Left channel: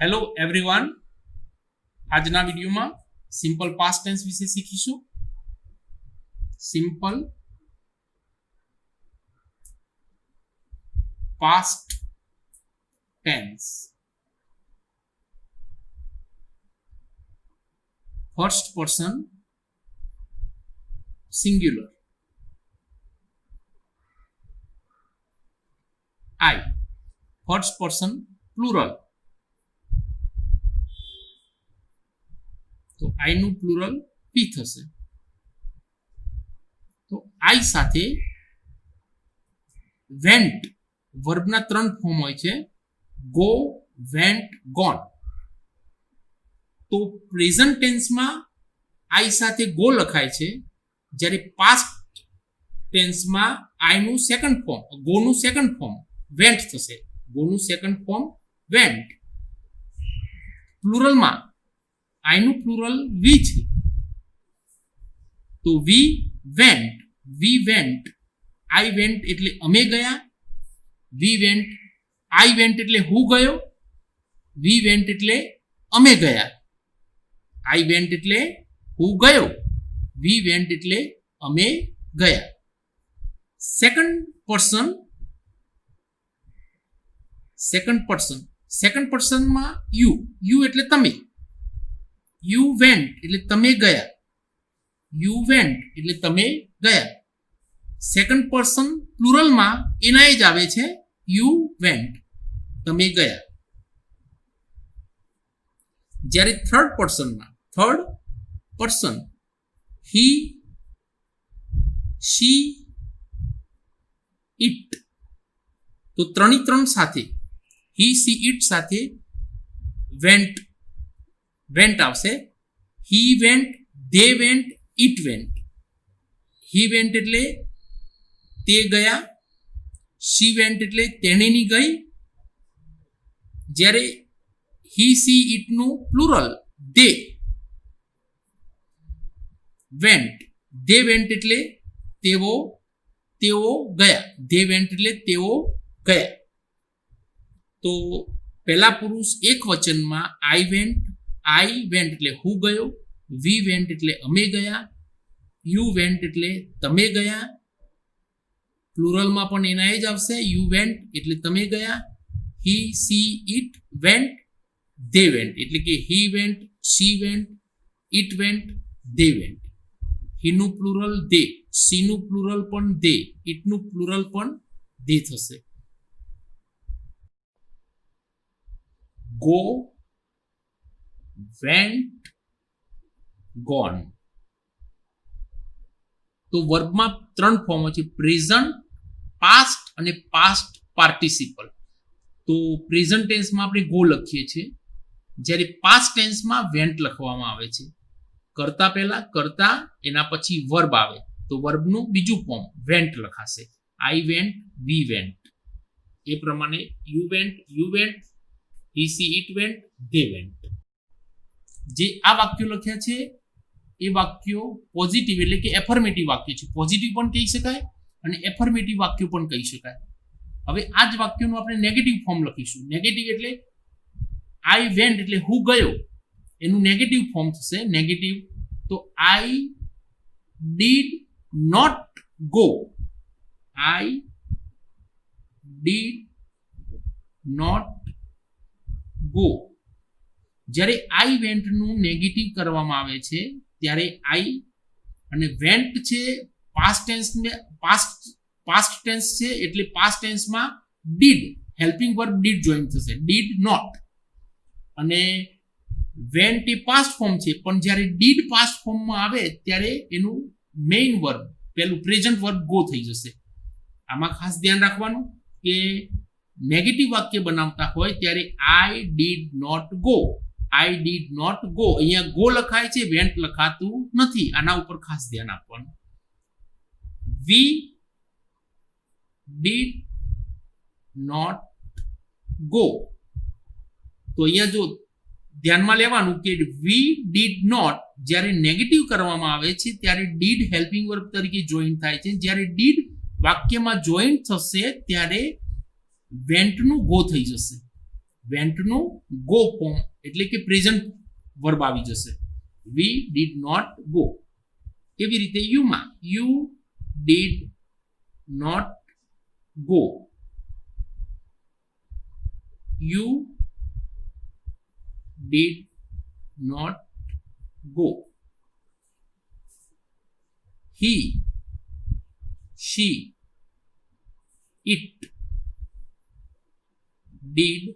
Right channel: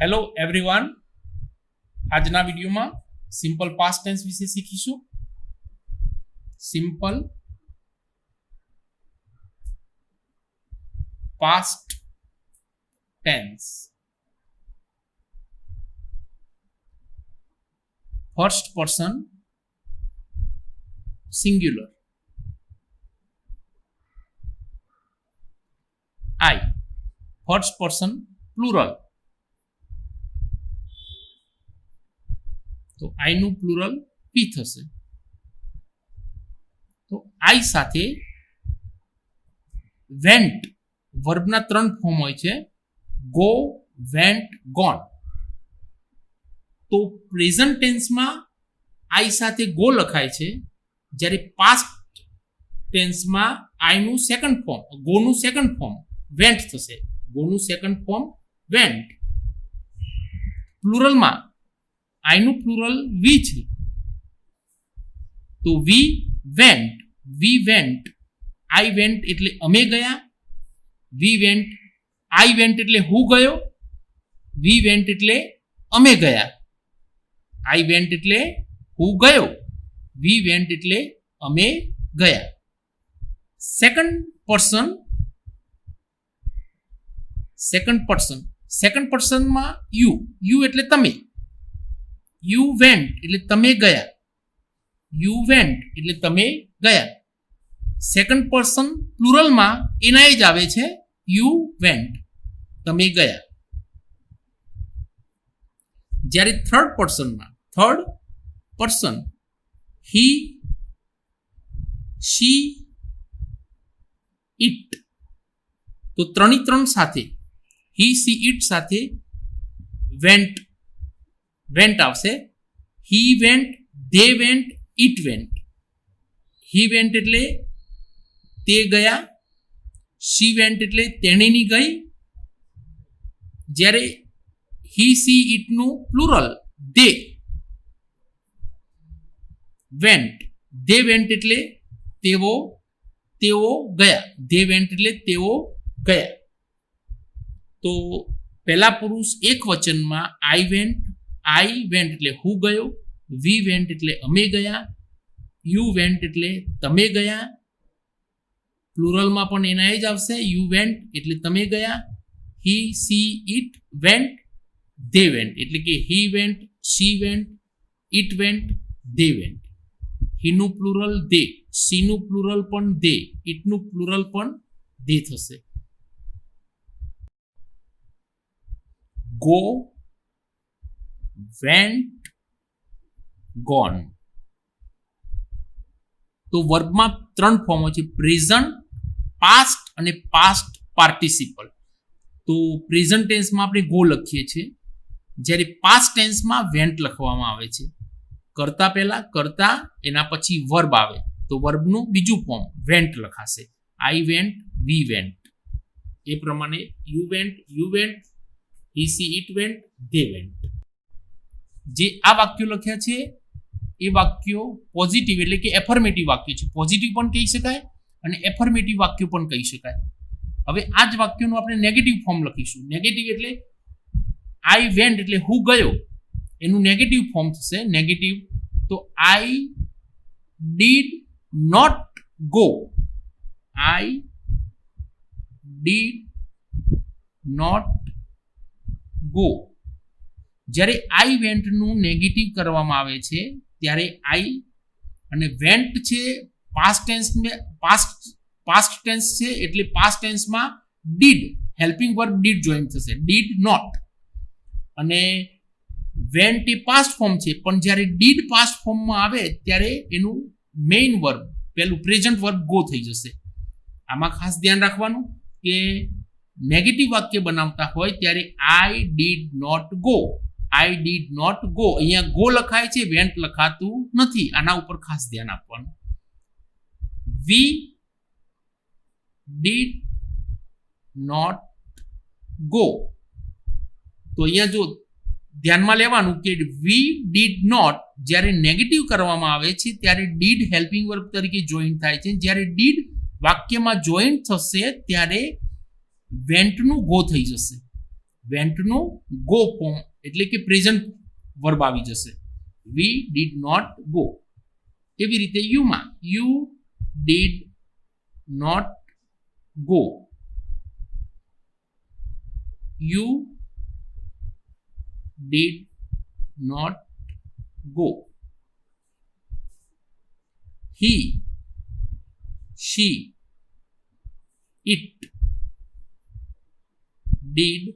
Hello everyone, આજના વિડીયોમાં simple past tense વિશે શીખીશું. Simple past tense. First person singular. I. First person plural. તો આઈ નું પ્લુરલ પી થશે. તો આઈ સાથે વેન્ટ વર્બના 3 ફોર્મ હોય છે: ગો, વેન્ટ, ગોન. તો પ્રેઝન્ટ ટેન્સમાં આઈ સાથે ગો લખાય છે, જ્યારે પાસ્ટ ટેન્સમાં આઈ નું સેકન્ડ ફોર્મ, ગો નું સેકન્ડ ફોર્મ વેન્ટ થશે. ગો નું સેકન્ડ ફોર્મ વેન્ટ. પ્લુરલમાં આઈ નું પ્લુરલ વી છે, તો વી વેન્ટ. આઈ વેન્ટ એટલે અમે ગયા. વી વેન્ટ, આઈ વેન્ટ એટલે હું ગયો. વી વેન્ટ એટલે અમે ગયા. આઈ વેન્ટ એટલે હું ગયો. વી વેન્ટ એટલે અમે ગયા. સેકન્ડ પર્સનમાં યુ એટલે તમે. યુ વેન્ટ એટલે તમે ગયા. યુ વેન્ટ એટલે તમે ગયા. સેકન્ડ પર્સન પ્લુરલમાં એના જ આવે છે, યુ વેન્ટ, તમે ગયા. જ્યારે third person he, she, it. તો 3 સાથે હી, સી, ઇટ સાથે વેન્ટ આવશે. He went, they went, it went. He went એટલે તે ગયા. શી વેન્ટ એટલે તેણીની ગઈ. જ્યારે હી, સી, ઇટ નું plural they went. They went એટલે તેઓ ગયા. ધે વેન્ટ એટલે તેઓ ગયા. તો પહેલા પુરુષ એક વચનમાં આઈ વેન્ટ એટલે હું ગયો. વી વેન્ટ એટલે અમે ગયા. યુ વેન્ટ એટલે તમે ગયા. પ્લુરલમાં પણ એના જ આવશે, યુ વેન્ટ એટલે તમે ગયા. He, she, it went, they went એટલે કે he went, she went, it went, they went. He નું પ્લુરલ ધે, સી નું પ્લુરલ પણ ધે, ઇટ નું પ્લુરલ પણ ધે થશે. Go, went, gone. તો વર્બમાં 3 ફોર્મ હોય છે: પ્રેઝન્ટ, પાસ્ટ અને પાસ્ટ પાર્ટિસિપલ. તો પ્રેઝન્ટ ટેન્સમાં આપણે ગો લખીએ છીએ, જ્યારે પાસ્ટ ટેન્સમાં વેન્ટ લખવામાં આવે છે. કરતા પહેલા કરતા, એના પછી વર્બ આવે, તો વર્બનું બીજું ફોર્મ વેન્ટ લખાશે. I went, V went. એ પ્રમાણે you went, he, she, it went, they went. જે આ વાક્યો લખ્યા છે એ વાક્યો પોઝિટિવ એટલે કે એફર્મેટિવ વાક્ય છે. પોઝિટિવ પણ કહી શકાય અને એફર્મેટિવ વાક્યો પણ કહી શકાય. હવે આ જ વાક્યનું આપણે નેગેટિવ ફોર્મ લખીશું. નેગેટિવ એટલે આઈ વેન્ટ એટલે હું ગયો, એનું નેગેટિવ ફોર્મ થશે. નેગેટિવ તો I did not go. I did not go. જ્યારે આઈ વેન્ટનું નેગેટિવ કરવામાં આવે છે, ત્યારે આઈ અને વેન્ટ છે પાસ્ટ ટેન્સ છે, એટલે પાસ્ટ ટેન્સમાં did, helping verb did join થશે. Did not. અને વેન્ટ એ પાસ્ટ ફોર્મ છે, પણ જ્યારે ડીડ પાસ્ટ ફોર્મમાં આવે ત્યારે એનું મેઇન વર્બ, પેલું પ્રેઝન્ટ વર્બ ગો થઈ જશે. આમાં ખાસ ધ્યાન રાખવાનું કે નેગેટિવ વાક્ય બનાવતા હોય ત્યારે I did not go. I did not go. અહીંયા ગો લખાય છે, વેન્ટ લખાતું નથી. આના ઉપર ખાસ ધ્યાન આપવાનું. We did not go. તો અહીંયા જો ધ્યાનમાં લેવાનું કે વી ડીડ નોટ જ્યારે નેગેટિવ કરવામાં આવે છે ત્યારે ડીડ હેલ્પિંગ વર્બ તરીકે જોઈન થાય છે. જ્યારે ડીડ વાક્યમાં જોઈન થશે ત્યારે વેન્ટનું ગો થઈ જશે. વેન્ટ નું ગો ફોર્મ એટલે કે પ્રેઝન્ટ વર્બ આવી જશે. We did not go. એવી રીતે યુમાં you did not go, you did not go. he, she, it did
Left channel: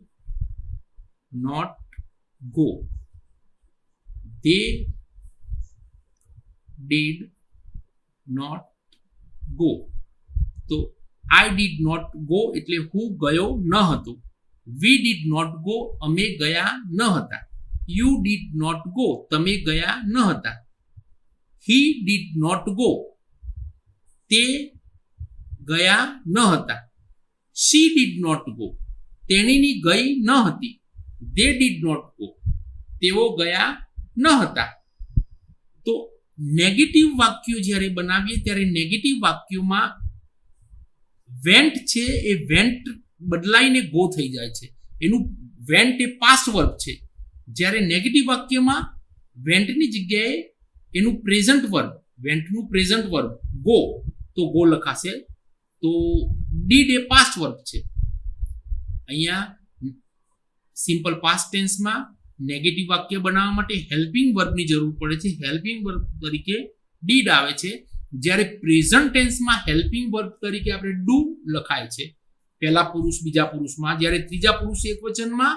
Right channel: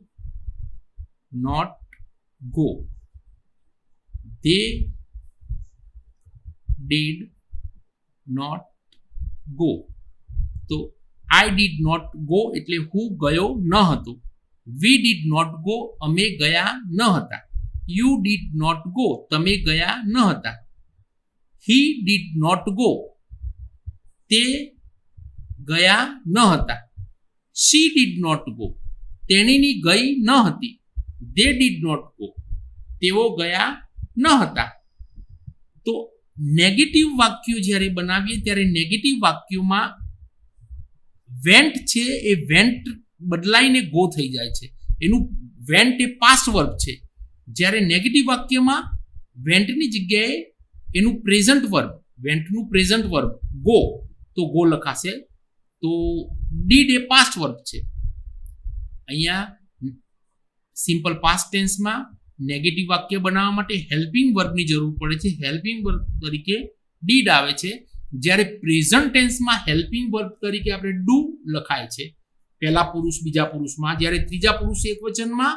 not go. They did not go. તો I did not go એટલે હું ગયો ન હતો. We did not go અમે ગયા ન હતા. You did not go તમે ગયા ન હતા. He did not go તે ગયા ન હતા. She did not go તેણીની ગઈ ન હતી. They did not go તેઓ ગયા ન હતા. તો નેગેટિવ વાક્યો જ્યારે બનાવીએ ત્યારે નેગેટિવ વાક્યોમાં વેન્ટ છે એ વેન્ટ બદલાઈને ગો થઈ જાય છે. એનું વેન્ટ એ પાસ્ટ વર્બ છે. જ્યારે નેગેટિવ વાક્યમાં વેન્ટની જગ્યાએ એનું પ્રેઝન્ટ વર્બ, વેન્ટનું પ્રેઝન્ટ વર્બ ગો, તો ગો લખાશે. તો ડીડ એ પાસ્ટ વર્બ છે. અહીંયા સિમ્પલ પાસ્ટ ટેન્સમાં નેગેટિવ વાક્ય બનાવવા માટે હેલ્પિંગ વર્બની જરૂર પડે છે. હેલ્પિંગ વર્બ તરીકે ડીડ આવે છે. જ્યારે પ્રેઝન્ટ ટેન્સમાં હેલ્પિંગ વર્બ તરીકે આપણે ડુ લખાય છે પહેલા પુરુષ બીજા પુરુષમાં, જ્યારે ત્રીજા પુરુષ એકવચનમાં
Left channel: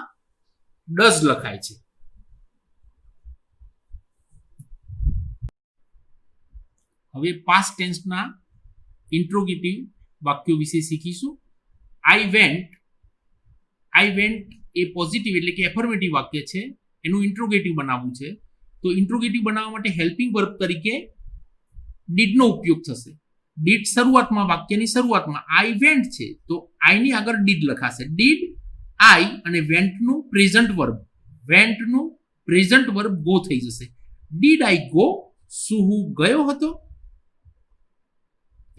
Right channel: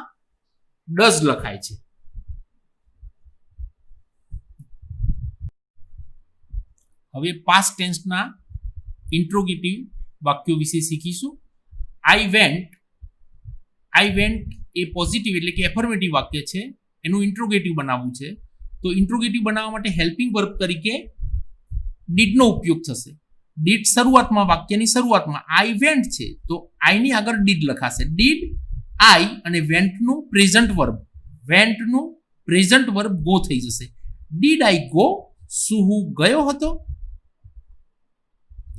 ડઝ લખાય છે. હવે પાસ્ટ ટેન્સના ઇન્ટ્રોગેટિવ વાક્યો વિશે શીખીશું. આઈ વેન્ટ એ પોઝિટિવ એટલે કે એફર્મેટિવ વાક્ય છે. એનું ઇન્ટ્રોગેટિવ બનાવવું છે. તો ઇન્ટ્રોગેટિવ બનાવવા માટે હેલ્પિંગ વર્બ તરીકે ડીડનો ઉપયોગ થશે. ડીડ શરૂઆતમાં, વાક્યની શરૂઆતમાં આઈ વેન્ટ છે તો આઈની આગળ ડીડ લખાશે. ડીડ આઈ અને વેન્ટનું પ્રેઝન્ટ વર્બ ગો થઈ જશે. ડીડ આઈ ગો શું હું ગયો હતો.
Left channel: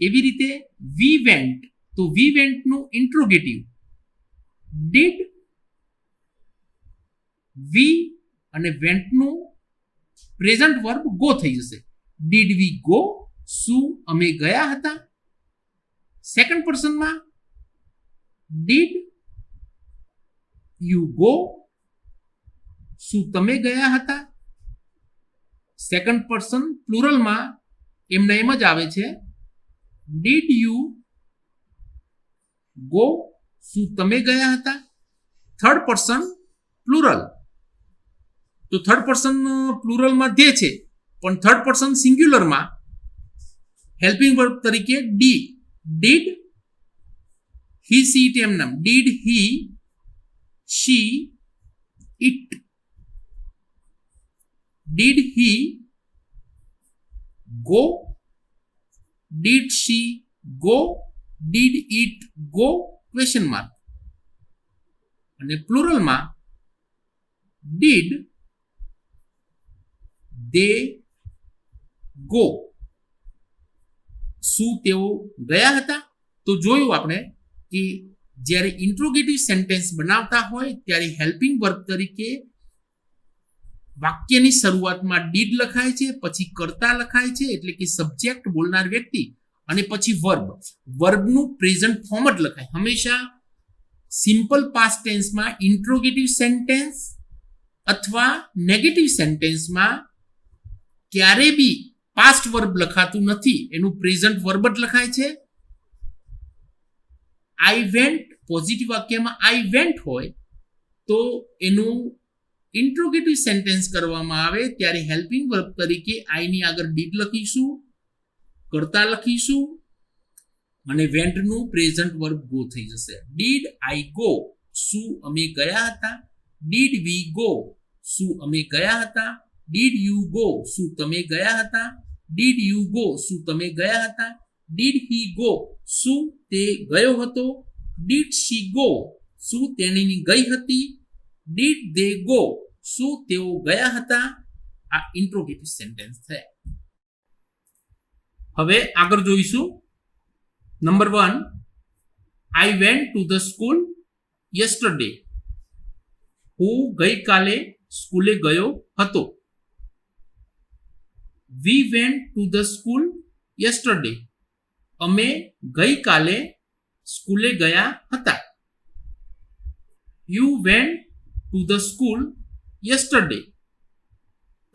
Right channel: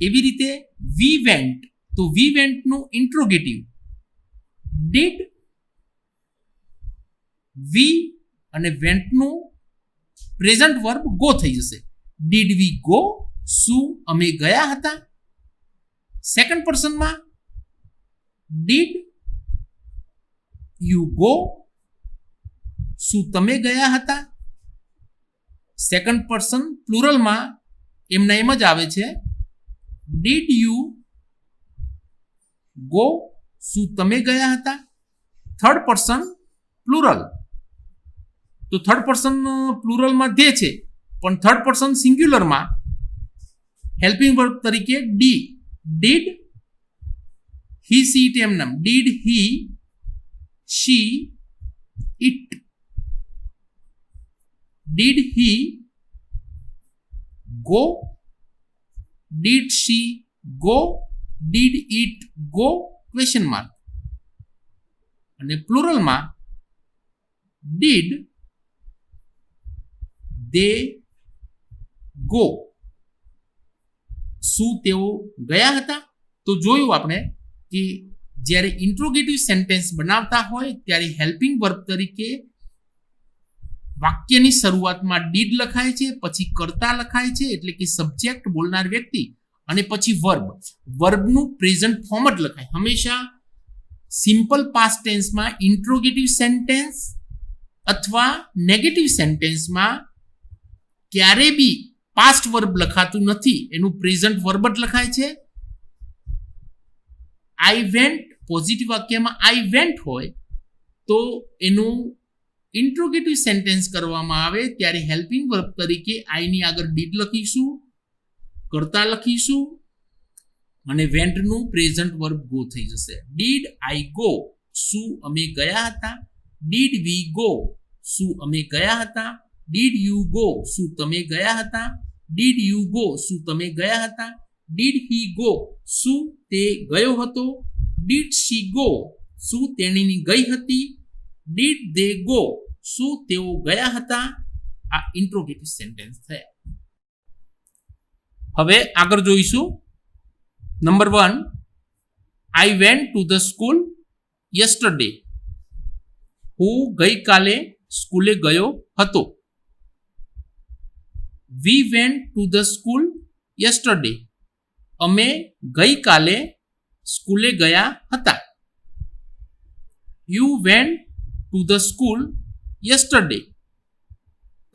એવી રીતે વી વેન્ટ, તો વી વેન્ટનું ઇન્ટ્રોગેટિવ ડીડ વી અને વેન્ટનું પ્રેઝન્ટ વર્બ ગો થઈ જશે. ડીડ વી ગો શું અમે ગયા હતા. સેકન્ડ પર્સનમાં ડીડ યુ ગો શું તમે ગયા હતા. સેકન્ડ પર્સન પ્લુરલમાં એમના એમ જ આવે છે. ડીડ યુ ગો શું તમે ગયા હતા. થર્ડ પર્સન પ્લુરલ, તો થર્ડ પર્સન પ્લુરલમાં ધે છે પણ થર્ડ પર્સન સિંગ્યુલરમાં હેલ્પિંગ વર્બ તરીકે ડીડ હી સી ઇટ એમ નામ. Did he she it. Did he go, did she go, did it go question mark. અને પ્લુરલમાં ડીડ દે ગો શું તેઓ ગયા હતા. તો જોયું આપણે કે જ્યારે ઇન્ટ્રોગેટિવ સેન્ટેન્સ બનાવતા હોય ત્યારે હેલ્પિંગ વર્બ તરીકે વાક્યની શરૂઆતમાં ડીડ લખાય છે, પછી કર્તા લખાય છે એટલે કે સબ્જેક્ટ બોલનાર વ્યક્તિ, અને પછી વર્બનું પ્રેઝન્ટ ફોર્મ જ લખાય. હંમેશા સિમ્પલ પાસ્ટ ટેન્સમાં ઇન્ટ્રોગેટિવ સેન્ટેન્સ અથવા નેગેટિવ સેન્ટેન્સમાં ક્યારે બી પાસ્ટ વર્બ લખાતું નથી, એનું પ્રેઝન્ટ વર્બ જ લખાય છે. આઈ વેન્ટ પોઝિટિવ વાક્યમાં આઈ વેન્ટ હોય તો એનું ઇન્ટ્રોગેટિવ સેન્ટેન્સ કરવામાં આવે ત્યારે હેલ્પિંગ વર્બ તરીકે આઈની આગળ ડીડ લખીશું, કર્તા લખીશું અને વેન્ટનું પ્રેઝન્ટ વર્બ ગો થઈ જશે. ડીડ આઈ ગો શું અમે ગયા હતા. ડીડ વી ગો શું અમે ગયા હતા. ડીડ યુ ગો શું તમે ગયા હતા. ડીડ યુ ગો શું તમે ગયા હતા. ડીડ હી ગો શું તે ગયો હતો. ડીડ શી ગો શું તેણીની ગઈ હતી. ડીડ દે ગો શું તેઓ ગયા હતા. આ ઇન્ટ્રોગેટિવ સેન્ટેન્સ થયા. હવે આગળ જોઈશું. Number 1, I went to the school yesterday. હું ગઈકાલે સ્કૂલે ગયો હતો. We went to the school yesterday. અમે ગઈકાલે સ્કૂલે ગયા હતા. You went to the school yesterday.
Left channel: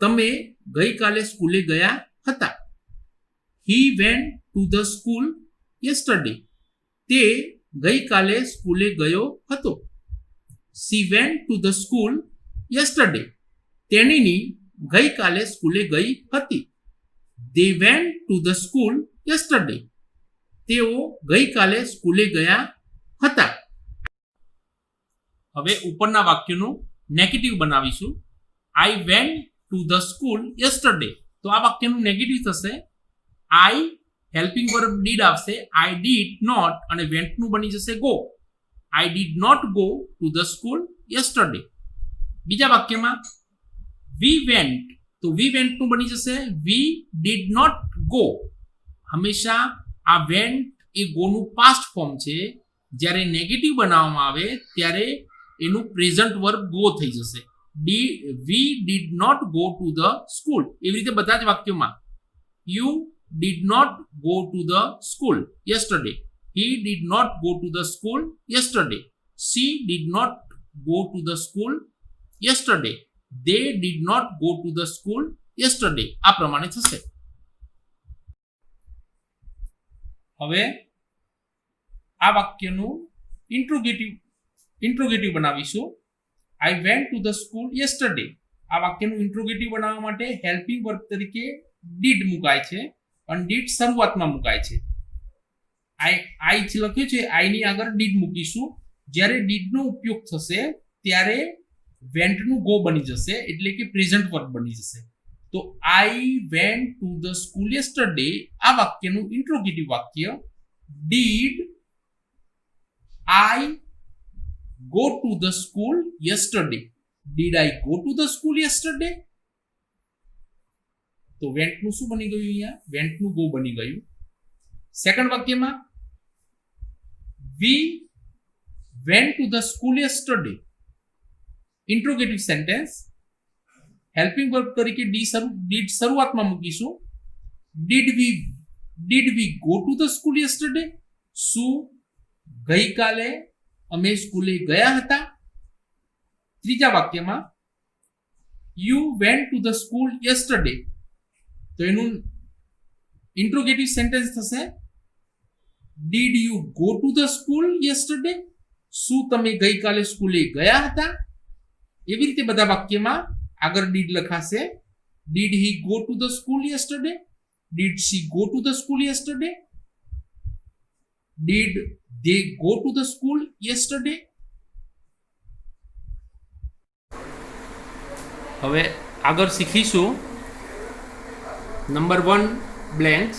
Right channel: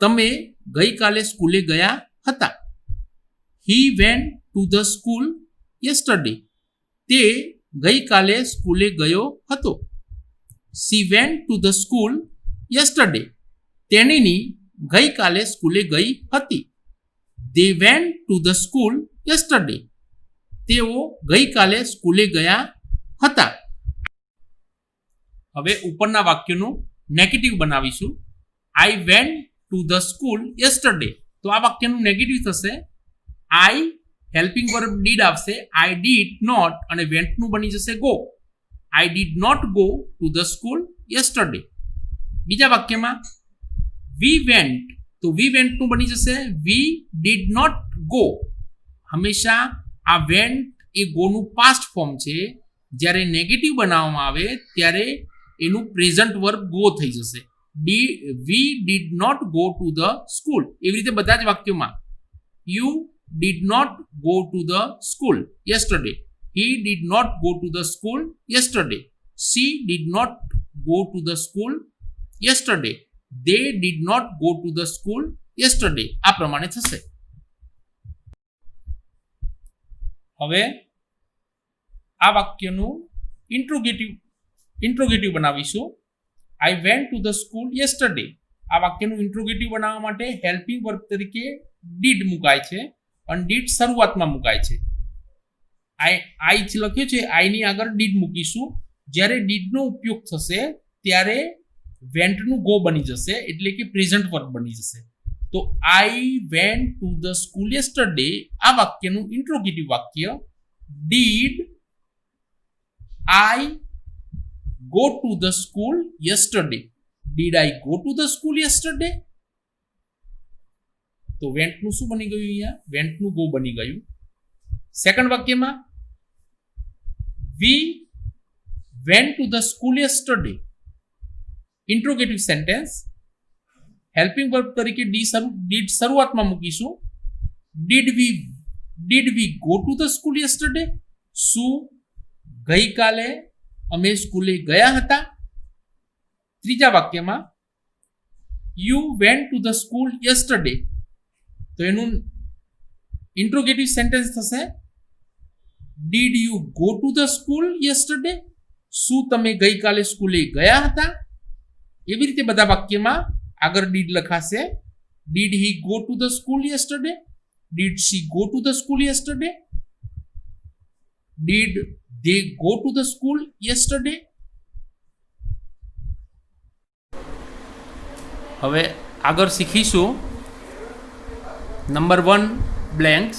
તમે ગઈકાલે સ્કૂલે ગયા હતા. He went to the school yesterday. તે ગઈકાલે સ્કૂલે ગયો હતો. She went to the school yesterday. તેણીની ગઈકાલે સ્કૂલે ગઈ હતી. They went to the school yesterday. તેઓ ગઈકાલે સ્કૂલે ગયા હતા. હવે ઉપરના વાક્યનું નેગેટિવ બનાવીશું. આઈ went to the school yesterday. તો આ વાક્યનું નેગેટિવ થશે. આઈ હેલ્પિંગ વર્બ ડીડ આવશે. આઈ ડીડ નોટ અને વેન્ટનું બની જશે go. I did not go to the school yesterday. બીજા વાક્યમાં વી વેન્ટ, તો વી વેન્ટનું બની જશે વી ડીડ નોટ ગો. હંમેશા આ વેન્ટ એ ગોનું પાસ્ટ ફોર્મ છે. જ્યારે નેગેટિવ બનાવવામાં આવે ત્યારે એનું પ્રેઝન્ટ વર્બ ગો થઈ જશે. We did not go to the school. એવી રીતે બધા જ વાક્યોમાં you did not go to the school yesterday. He did not go to the school yesterday. She did not go to the school yesterday. They did not go to the school yesterday. આ પ્રમાણે થશે. હવે આ વાક્યનું interrogative બનાવીશું. I went to the school yesterday. આ વાક્યનું interrogative બનાવવા માટે helping verb તરીકે did મુકાય છે અને ડીડ શરૂઆતમાં મુકાય છે. આઈ લખ્યું છે, આઈની આગળ ડીડ મૂકીશું. જ્યારે ડીડનો ઉપયોગ થશે ત્યારે વેન્ટનું ગો બની જશે, એટલે કે પ્રેઝન્ટ વર્બ બની જશે. તો આઈ went to the school yesterday આ વાક્યનું ઇન્ટ્રોગેટિવ વાક્ય. Did I go to the school yesterday. Did I go to the school yesterday. તો વેન્ટનું શું બની ગયું? અહીંયા વેન્ટનું ગો બની ગયું. સેકન્ડ વાક્યમાં વી went to the school yesterday. Interrogative sentence. Helping verb તરીકે ડીડ શરૂઆતમાં મૂકીશું. Did we go to the school yesterday. શું ગઈકાલે અમે સ્કૂલે ગયા હતા? ત્રીજા વાક્યમાં you went to the school yesterday. તો એનું ઇન્ટ્રોગેટિવ સેન્ટેન્સ થશે did you go to the school yesterday. શું તમે ગઈકાલે સ્કૂલે ગયા હતા? એવી રીતે બધા વાક્યમાં આગળ ડીડ લખાશે. Did he go to the school yesterday. Did she go to the school yesterday. Did they go to the school yesterday? હવે આગળ શીખીશું નંબર 1 બ્લેન્ક્સ.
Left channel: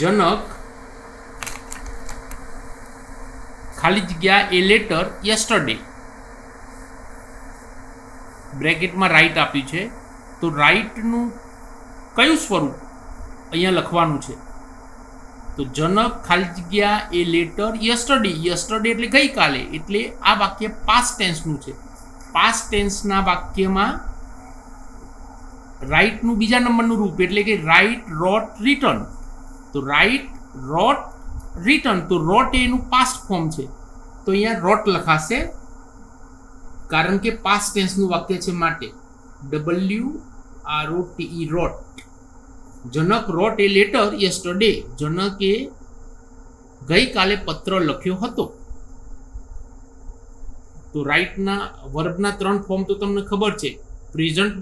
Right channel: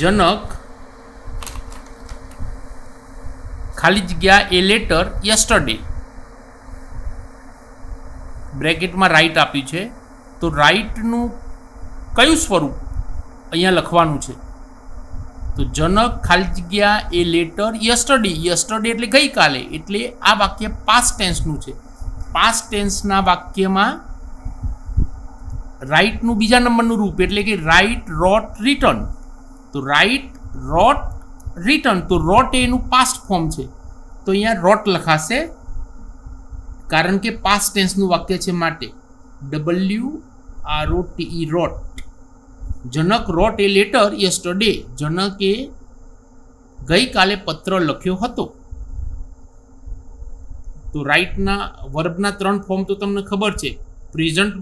જનક ખાલી જગ્યા એ લેટર યસ્ટરડે. બ્રેકેટમાં રાઈટ આપ્યું છે, તો રાઈટનું કયું સ્વરૂપ અહીંયા લખવાનું છે? તો જનક ખાલી જગ્યા એ લેટર યસ્ટરડે. યસ્ટરડે એટલે ગઈકાલે, એટલે આ વાક્ય પાસ્ટ ટેન્સનું છે. પાસ્ટ ટેન્સના વાક્યમાં રાઇટનું બીજા નંબરનું રૂપ એટલે કે રાઇટ, રોટ, રિટર્ન. તો રાઇટ, રોટ, રિટર્ન. તો રોટ એનું પાસ્ટ ફોર્મ છે, તો અહીંયા રોટ લખાશે કારણ કે પાસ્ટ ટેન્સનું વાક્ય છે માટે. WROTE રોટ. જનક રોટ એ લેટર યસ્ટરડે. જનકે ગઈકાલે પત્ર લખ્યો હતો. તો રાઇટના વર્બના 3 ફોર્મ તો તમને ખબર છે: પ્રેઝન્ટ,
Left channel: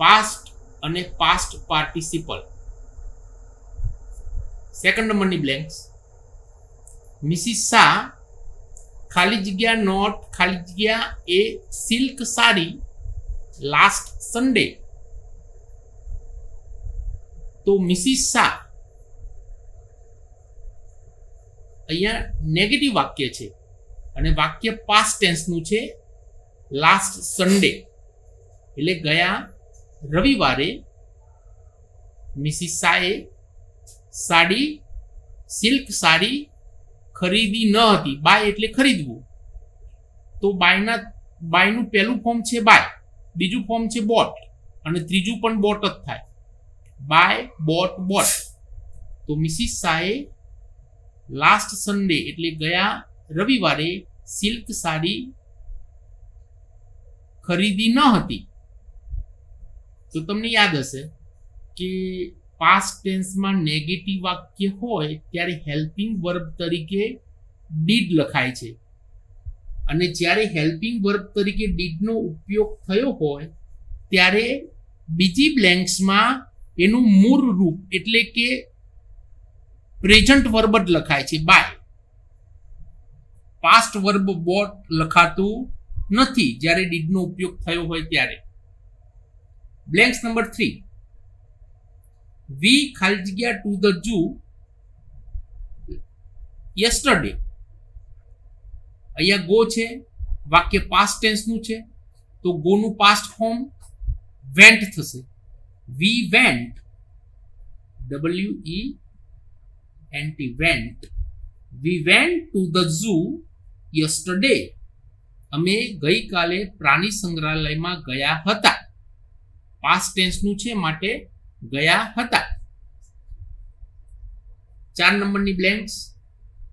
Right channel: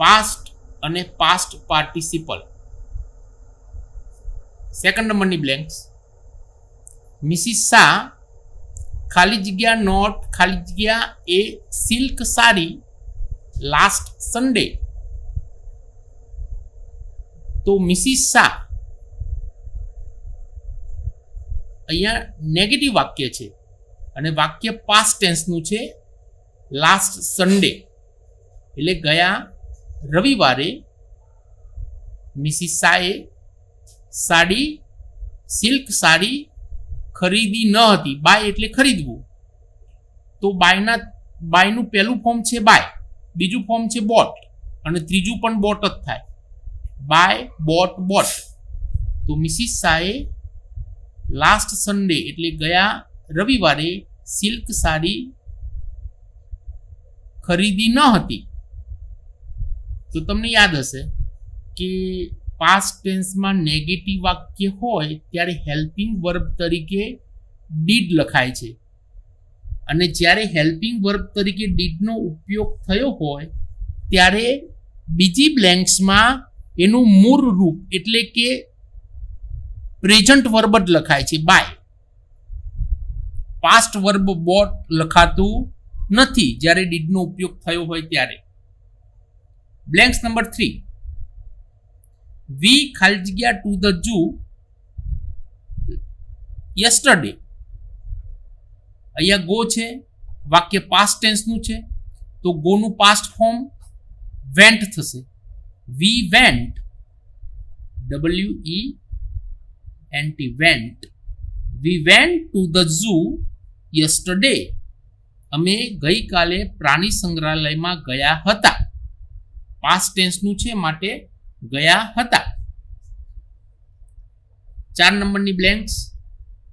પાસ્ટ અને પાસ્ટ પાર્ટિસિપલ. સેકન્ડ નંબરની બ્લેન્ક્સ. મિસિસ શાહ ખાલી જગ્યા નોટ ખાલી જગ્યા એ સિલ્ક સાડી લાસ્ટ સન્ડે. તો મિસિસ શાહ અહીંયા નેગેટિવ વાક્ય છે અને વાક્ય પાસ્ટ ટેન્સનું છે. લાસ્ટ સન્ડે એટલે ગયા રવિવારે મિસિસ શાહે સાડી, સિલ્ક સાડી ખરીદી ન હતી. બાય એટલે ખરીદવું. તો બાયનું પહેલું ફોર્મ છે બાય, બીજું ફોર્મ છે બોટ અને ત્રીજું પણ બોટ જ થાય. By boat boat. તો મિસિસ શાહે લાસ્ટ સન્ડે એટલે ગયા રવિવારે સિલ્ક સાડી ખરીદી ન હતી. તો તમને યાદ હશે કે પાસ્ટ ટેન્સમાં નેગેટિવ વાક્ય હોય ત્યારે હેલ્પિંગ વર્બ તરીકે ડીડ લખાય છે, અને જ્યારે હેલ્પિંગ વર્બ તરીકે ડીડનો ઉપયોગ થયો હોય ત્યારે બીજી બ્લેન્ક્સમાં એનું મૂળ રૂપ એટલે કે પ્રેઝન્ટ વર્બ જ લખાય છે બાય. પાસ્ટ વર્બ બોટ લખાતું નથી જ્યારે ડીડનો ઉપયોગ થયો હોય ત્યારે. Blanks number 3. વી ખાલી જગ્યા ટુ ધ ઝૂ યસ્ટરડે. અહીંયા ગો છે, વાક્ય પાસ્ટ ટેન્સનું છે, તો ગોનું પાસ્ટ ફોર્મ વેન્ટ થશે. We went, WENT, vent. V went to the zoo yesterday. અમે ગઈકાલે પ્રાણી સંગ્રહાલયમાં ગયા હતા. પાસ્ટ ટેન્સનું છે માટે ગયા હતા. 4 નંબરની બ્લેન્ક્સ.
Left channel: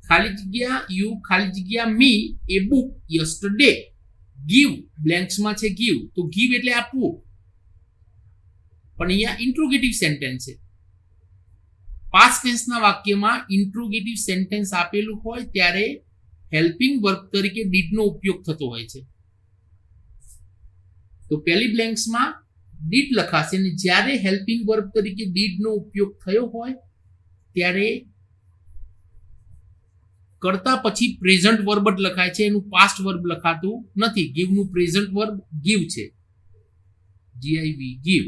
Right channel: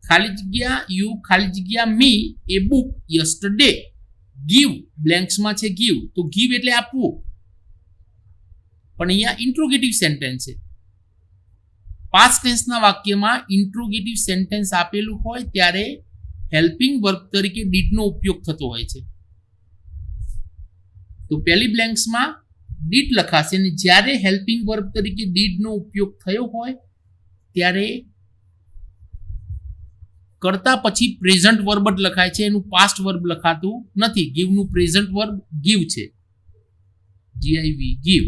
ખાલી જગ્યા યુ ખાલી જગ્યા મી એ બુક યસ્ટરડે. ગીવ બ્લેન્ક્સમાં છે ગીવ, તો ગીવ એટલે આપવું, પણ અહીંયા ઇન્ટ્રોગેટિવ સેન્ટેન્સ છે. પાસ્ટ ટેન્સના વાક્યમાં ઇન્ટ્રોગેટિવ સેન્ટેન્સ આપેલું હોય ત્યારે હેલ્પિંગ વર્બ તરીકે ડીડનો ઉપયોગ થતો હોય છે. તો પહેલી બ્લેન્ક્સમાં ડીડ લખાશે, અને જ્યારે હેલ્પિંગ વર્બ તરીકે ડીડનો ઉપયોગ થયો હોય ત્યારે કરતા પછી પ્રેઝન્ટ વર્બ જ લખાય છે, એનું પાસ્ટ વર્બ લખાતું નથી. ગીવનું પ્રેઝન્ટ વર્બ ગીવ છે, GIV, ગીવ.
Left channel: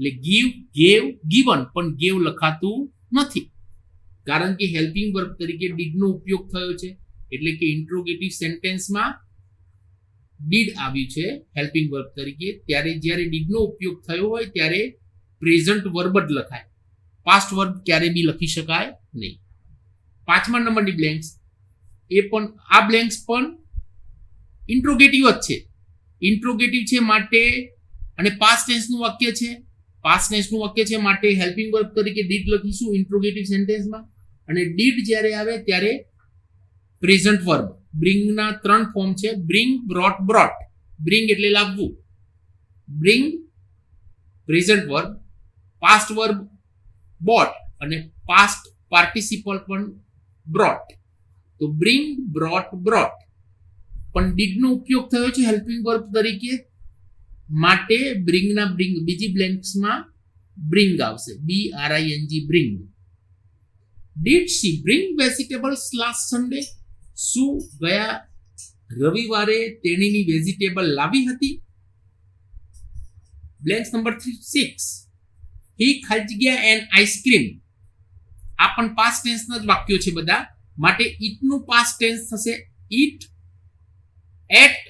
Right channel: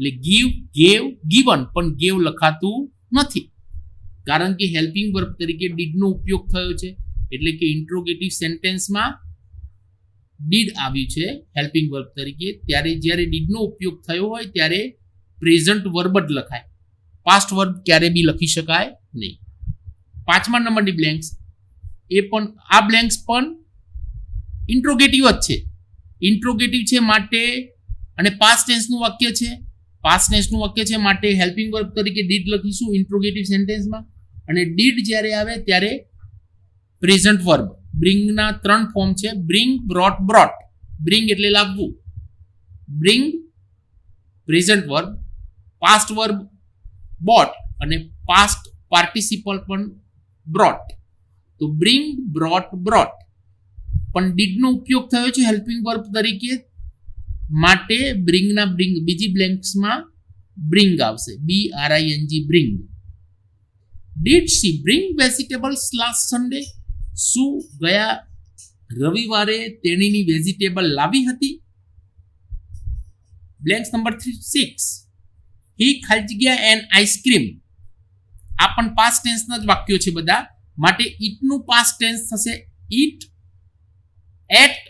એટલે ગીવ, ગેવ, ગીવન, પણ ગેવ લખાતું નથી કારણ કે હેલ્પિંગ વર્બ તરીકે ડીડનો ઉપયોગ થયો છે. એટલે કે ઇન્ટ્રોગેટિવ સેન્ટેન્સમાં ડીડ આવ્યું છે હેલ્પિંગ વર્બ તરીકે, ત્યારે જ્યારે ડીડનો ઉપયોગ થયો હોય ત્યારે પ્રેઝન્ટ વર્બ જ લખાય, પાસ્ટ વર્બ ક્યારે બી લખી શકાય નહીં. 5મા નંબરની બ્લેન્ક્સ, એ પણ આ બ્લેન્ક્સ પણ ઇન્ટ્રોગેટિવ જ છે. ઇન્ટ્રોગેટિવ છે માટે, અને પાસ્ટ ટેન્સનું વાક્ય છે, પાસ્ટ ટેન્સનું વાક્ય છે માટે હેલ્પિંગ વર્બ તરીકે ડીડ લખીશું ઇન્ટ્રોગેટિવ સેન્ટેન્સમાં. અને ડીડ જ્યારે આવે ત્યારે પ્રેઝન્ટ વર્બ. બ્રિંગના 3 ફોર્મ છે, બ્રિંગ, બ્રોટ, બ્રોટ. બ્રિંગ એટલે લાવવું, bring present verb, past verb bought, અને પાસ્ટ પાર્ટિસિપલ પણ બ્રોટ. તો બ્રિંગ, બ્રોટ, બ્રોટ. પણ ડીડનો ઉપયોગ થયો છે હેલ્પિંગ વર્બ તરીકે માટે બ્રિંગના બ્રિંગ બીજી બ્લેન્ક્સમાં બ્રિંગ આવશે, BRING, bring. Did she bring vegetables last Sunday? શું ગયા રવિવારે તેણીની વેજીટેબલ લાવી હતી? Blanks number 6. હી ખાલી જગ્યા એન આઈસ્ક્રીમ. આ પણ પાસ્ટ ટેન્સના જ વાક્યો છે બધા, માટે ઈટનું પાસ્ટ ટેન્સ થશે ઈટ, એટ,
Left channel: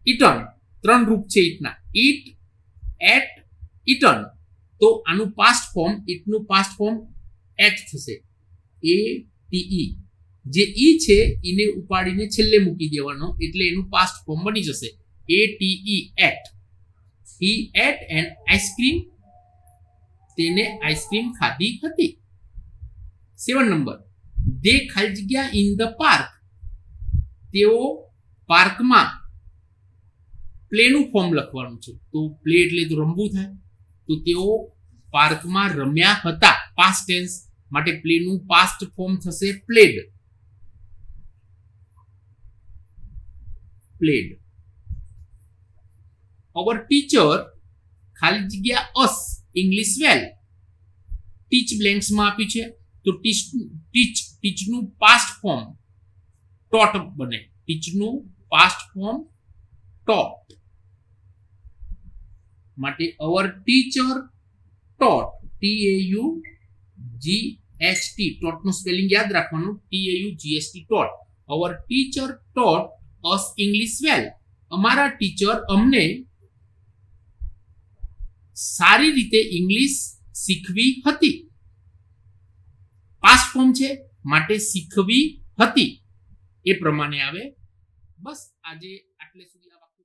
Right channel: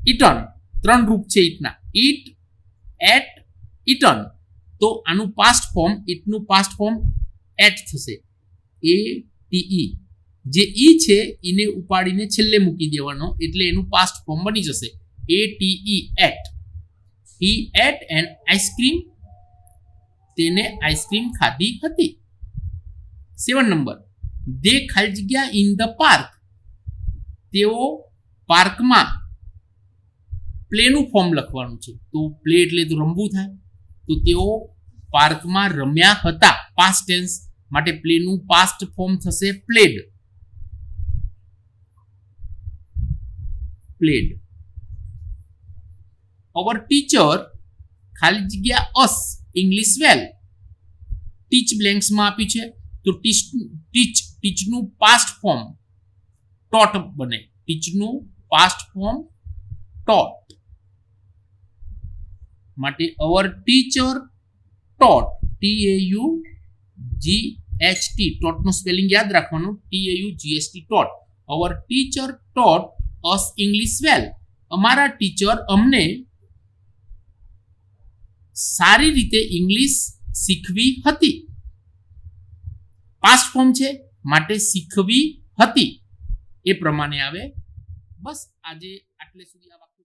ઈટન. 3 રૂપ છે ઈટના, ઈટ, એટ, ઈટન. તો આનું પાસ્ટ ફોર્મ, ઈટનું પાસ્ટ ફોર્મ એટ થશે, ATE. જે ઈ છે એને ઉપાડીને છેલ્લે મૂકી દેવાનો, એટલે એનું પાસ્ટ ફોર્મ બની જશે ATE, ate. He ate an ice cream. તેને આઈસ્ક્રીમ ખાધી હતી. 7 નંબર. દે ખાલી જગ્યા ઇન ધ પાર્ક. તેઓ પાર્કમાં. પ્લેનું ફોર્મ લખવાનું છે, તો પ્લે એટલે તો રમવું થાય, તો તેઓ પાર્કમાં રમ્યા હતા પાસ્ટ ટેન્સ માટે પ્લેનું પાસ્ટ ફોર્મ થશે પ્લેડ, પ્લેડ. અવર ટીચર ખાલી જગ્યા અસ ઇંગ્લિશ વેલ. ટીચ બ્લેન્ક્સમાં આપ્યું છે, તો ટીચનું પાસ્ટ ફોર્મ ટોટ બને, ટીચનું પાસ્ટ ફોર્મ ટોટ. માટે અવર ટીચર ટોટ, TAUGHT, ટોટનું સ્પેલિંગ યાદ રાખવાનું, TAUGHT, taught. Our teacher taught us English well. અમારા ટીચર અમને સારી રીતે ઇંગ્લિશ શીખવી હતી. પાસ્ટ ફોર્મ છે માટે શીખવી હતી એ પ્રમાણે આવે. બસ આજે આટલે સુધી આ વાક્ય